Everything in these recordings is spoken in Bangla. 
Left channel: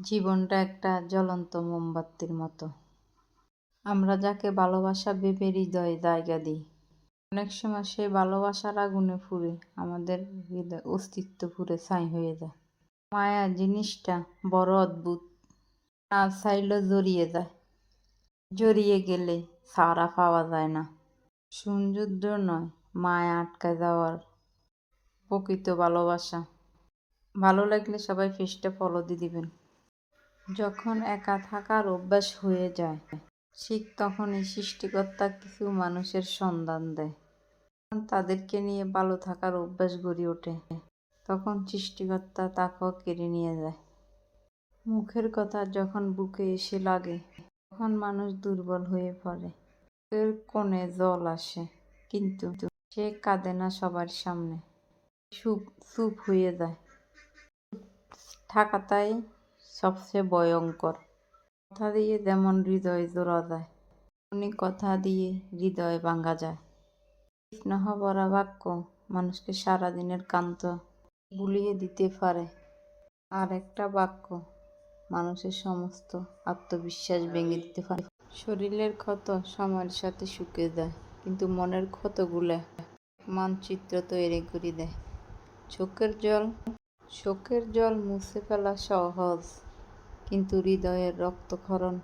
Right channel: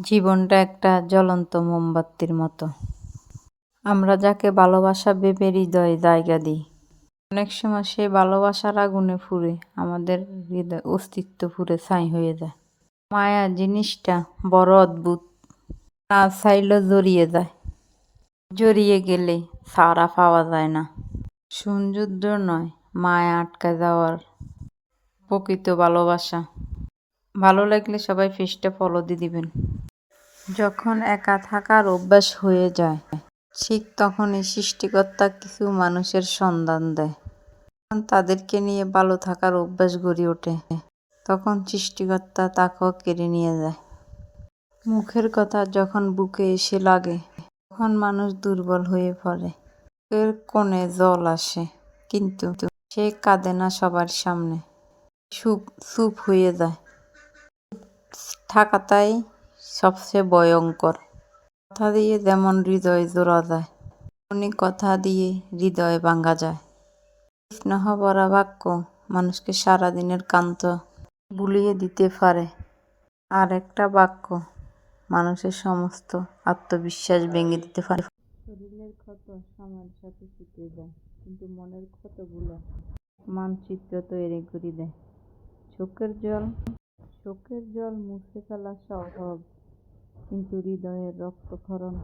জীবনটা একটা জ্বলন্ত মোমবাতির মতো। আমরা যাকে ভালোবাসা ভেবে হৃদয়ে জায়গা দিই, অনেক সময় সেই ভালোবাসার আগুনে পুড়ে আমাদের হৃদয় অস্তিত্ব পুড়ে ছাই হয়ে যায়। মায়া জিনিসটা বড় অদ্ভুত, না চাইলেও জড়িয়ে যায়, জড়িয়ে গেলে ছাড়া পাওয়া যায় না। সৌন্দর্য নয়, মায়া আটকা যাওয়ার প্রকৃত ভালোবাসা। ভালো লাগলে সবাই পেজটা ফলো দিয়ে দিবেন। যখন একা থাকার অভ্যাস হয়ে যায়, ঠিক তখনই সৃষ্টিকর্তা কিছু মানুষের সন্ধান দেয়। তখন তাদেরকে নিয়ে ভালো থাকার অভ্যাস গড়ে ওঠে, তখন সৃষ্টিকর্তা তাকেও কেড়ে নিয়ে যায়। মুখের কথা যখন বুকে এসে লাগে, তখন মানুষ দুর্বল হয়ে পড়ে। চোখের কোণে জল আসে, কিন্তু সে কাঁদে না সবার সামনে, চুপ হয়ে যায়। থাকাটাই সবচেয়ে ভয়ঙ্কর। কথা দিয়ে যেমন হৃদয় জোড়া যায়, তেমনি কথা দিয়ে হৃদয় ভাঙা যায়। স্নেহ ভরা বাক্য মানুষকে সারাদিনের ক্লান্ত ভুলিয়ে দিতে পারে, আর একটা বাক্য মানুষের সমস্ত আত্মবিশ্বাস ভেঙে দিতে পারে। শরীরের ক্ষত সময়ের সাথে শুকিয়ে যায়, কিন্তু মনের ক্ষতগুলো মানচিত্র তৈরি করে দেয়। চোখের জল মুছে ফেলা সহজ, কিন্তু হৃদয়ের রক্তক্ষরণ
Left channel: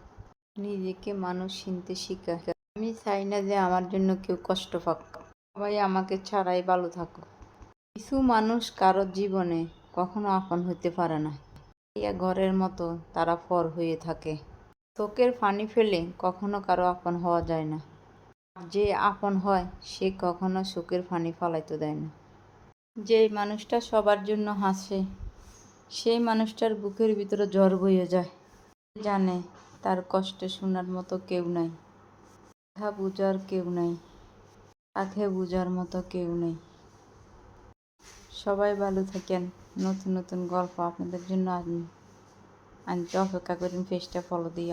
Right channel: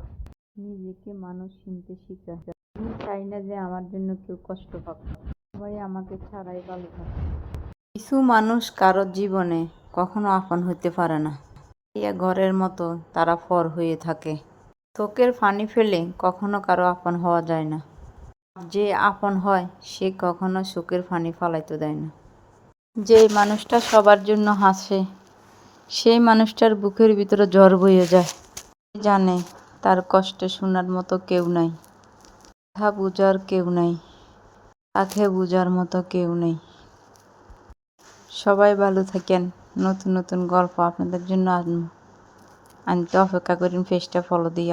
নিজেকে মানুষ চিনতে শেখায়। আমি চাই না যে আমার জন্য কেউ কষ্ট পাক, সবাই আমাকে ছাড়াই ভালো থাকুক। কিছু মানুষ কারোর জীবনে কখনো আপন হতে পারে না, ঘরের মতো তারা পর হয়ে থাকে। চোখের পানি ফেলে কখনো কারো আপন হওয়া যায় না, যে আপন হয় সে কখনো চোখের পানি ফালাইতে দেয় না। যে মানুষটা সবার জন্য হাসে, সেই মানুষটার বুকের ভিতরে ঝড় বয়ে যায়। জানে তার কষ্ট শোনার মতো কেউ নাই, কথা বোঝার কেউ নাই, তাকে বোঝার মতো কেউ নেই। সবাই ভালো থাকেন। নতুন নতুন গল্প আপনাদের জন্য আনতে অপেক্ষা করেন। পেজটা ফলো দিয়ে